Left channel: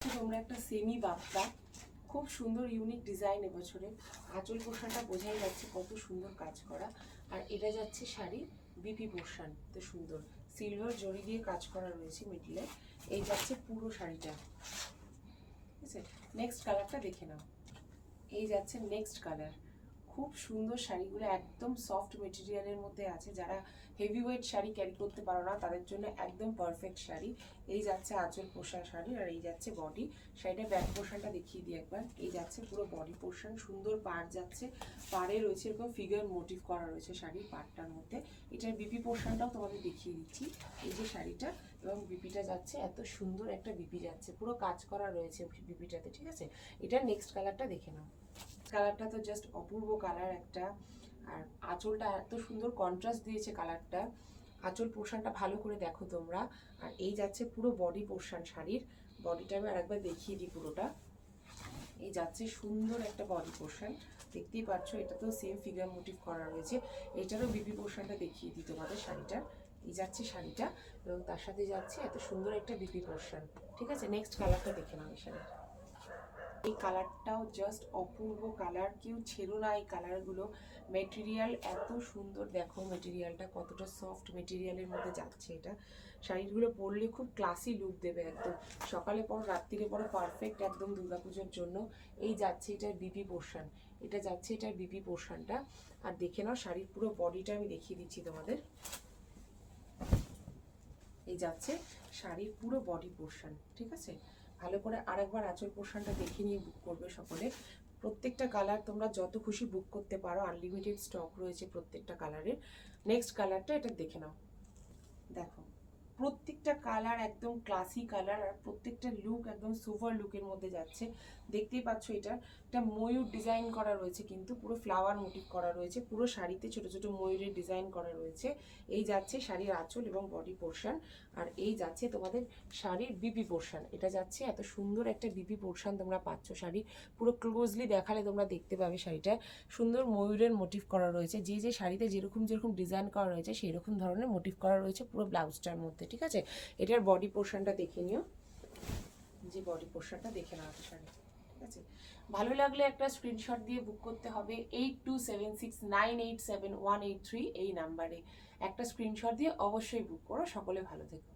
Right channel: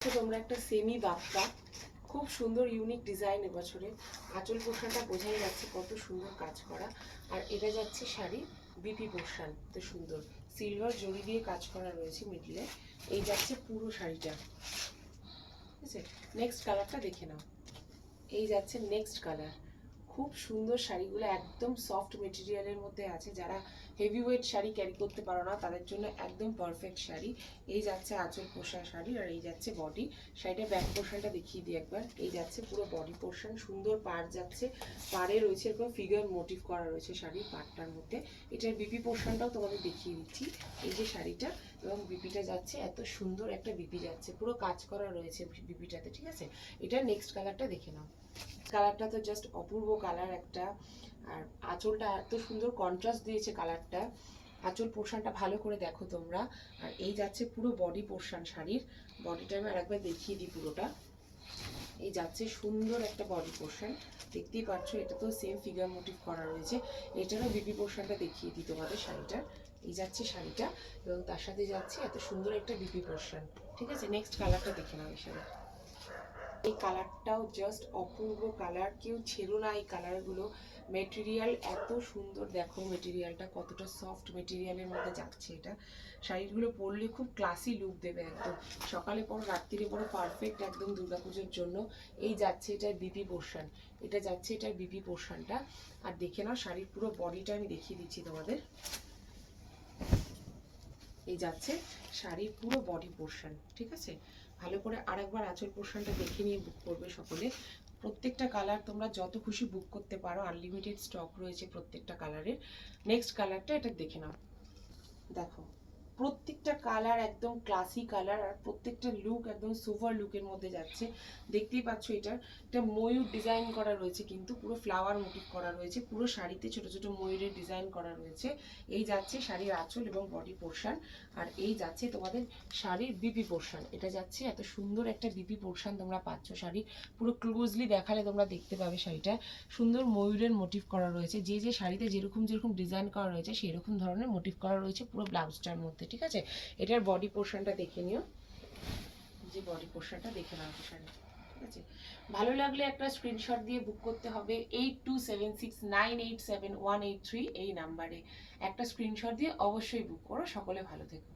তোমরা একটা সেমি বাপ্পা, খুব সুন্দর ইউনিক ডিজাইন এবছরে। আঁচল পোশাকটা বোঝাই যাচ্ছে কত সুন্দর কাজ করা। আর এটা যাচ্ছে শাড়ি বিপি পোর্শন, তো সুন্দর সিলভার জড়ি দিয়ে কাজ করা রয়েছে মিডলে। এই যাচ্ছে পুরো শাড়িটা, ঠিক আছে। নেক্সট কালারটা দেখে নাও। এই যাচ্ছে নেক্সট কালার। খুব সুন্দর শাড়িগুলো, একদম সফট মেটেরিয়ালের মধ্যে আছে। যারা হেভি ওয়েট শাড়ি ক্যারি করতে পারো না তাদের জন্য একদম পারফেক্ট শাড়ি। এই যাচ্ছে আঁচল পোশাক শাড়ি, আর এই যাচ্ছে বডি। শাড়িটা ব্যাক পোর্শনটা দেখিয়ে দিই একবার। এই যাচ্ছে পুরো বডি পোর্শন, সুন্দর পাড় যাচ্ছে। পাড়ে রয়েছে এরকম ফিগার মোটিভ করা রয়েছে শাড়ির পাড়টার মধ্যে। এটার বিপি পোর্শনটাও তোমাদের দেখিয়ে দিচ্ছি। এই যে শাড়িটা এবং বিপিটা যাচ্ছে, এত সুন্দর একটা বিপি যাচ্ছে, পুরো কাজ করা রয়েছে বিপিটাতে, ঠিক আছে। এটা নেক্সট কালারটা দেখে নাও। কালারটা তো জাস্ট অপূর্ব কালার একটা। আর আঁচলটা এত সুন্দর কন্ট্রাস্ট দিয়েছে কালারটা। আঁচল পোর্শনটা ভালো করে দেখো তোমরা। আর এই যাচ্ছে পুরো বডি পোর্শন শাড়ির। বডিটা আমি আরেকবার দেখিয়ে দিই পুরোটা। এই যাচ্ছে সুন্দর একটা বডি পোর্শন, দেখতেই পাচ্ছ। এটা তো সেম ফিগার মোটিভ করা রয়েছে। এটারও বিপি পোর্শনটা দেখিয়ে দিই তোমাদের শাড়িটার। এই যাচ্ছে শাড়িটা এবং তার সাথে যাচ্ছে এত সুন্দর একটা বিপি পোর্শন, ঠিক আছে। নেক্সট কালারটা দেখে নাও। এই শাড়ি, এই কালারটাও জাস্ট অপূর্ব কালার, কেউ ছেড়ো না এই কালারগুলো। মেটেরিয়াল এত সুন্দর, দেখো মেটেরিয়ালটা কতটা সফট মেটেরিয়ালের মধ্যে যাচ্ছে। এটা শাড়িগুলো পরলে খুব ক্লাসি লুক দেবে একদম। সকালে পর রাত্রিরে পরো পারফেক্ট একদম দুর্গাপুজোর জন্য। এই যাচ্ছে এটার বিপি পোর্শন, এটা যাচ্ছে এটার বিপি পোর্শনটা। আর দেখে নাও শাড়ির পুরো বডিটা আমি দেখিয়ে দিচ্ছি তোমাদের। এই যাচ্ছে শাড়ির পুরো বডি পোর্শন, ঠিক আছে। ভালো করে আরেকবার আঁচল পোর্শনটা দেখে নিয়ে বুক করবে সকলে। প্রত্যেকটা কালার তোমরা যত খুশি বুক করতে পারো, আনলিমিটেড স্টক রয়েছে প্রত্যেকটা কালারের। নেক্সট কালারটা এটা দেখে নাও। দেখো প্রত্যেকটা কালার একদম ক্লাসি কালার, আর প্রত্যেকটা লুক একদম সুপার লুকের মধ্যে যাচ্ছে। দেখতেই পাচ্ছ এটা ময়ূর ডিজাইন করা রয়েছে, কিন্তু পুরো ফ্লাওয়ার মোটিভ করা রয়েছে। পুরো শাড়িতে ছোট ছোট ময়ূরের ডিজাইন করা রয়েছে। এই যাচ্ছে শাড়ির আঁচল এবং বডি পোর্শন। আর এই যাচ্ছে তোমাদের শাড়ির বিপি পোর্শন। এটা যাচ্ছে এত সুন্দর একটা বিপি পোর্শন তোমরা পাচ্ছ শাড়ি। পুরো ক্লোজলি দেখালে তোমরা দেখতে পাবে শাড়িটা সুন্দর ময়ূরের মোটিভ করা রয়েছে। যে যে শাড়িতে যেরকম যেরকম ডিজাইন করা রয়েছে সেই রকম ধরনের মোটিভ করা রয়েছে পুরো ব্লাউজটার মধ্যে, ঠিক আছে। এটার বডি পোর্শনটা দেখে নিও। যে বডি পোর্শনটা দেখে নাও শাড়ি, ঠিক আছে। ভালো লাগলে একটা স্ক্রিনশট দিয়ে বুক করতে হবে 8276987183 এই নাম্বারে। একটা স্ক্রিনশট দিয়ে অবশ্যই বুক করো। সকলে ভালো থেকো।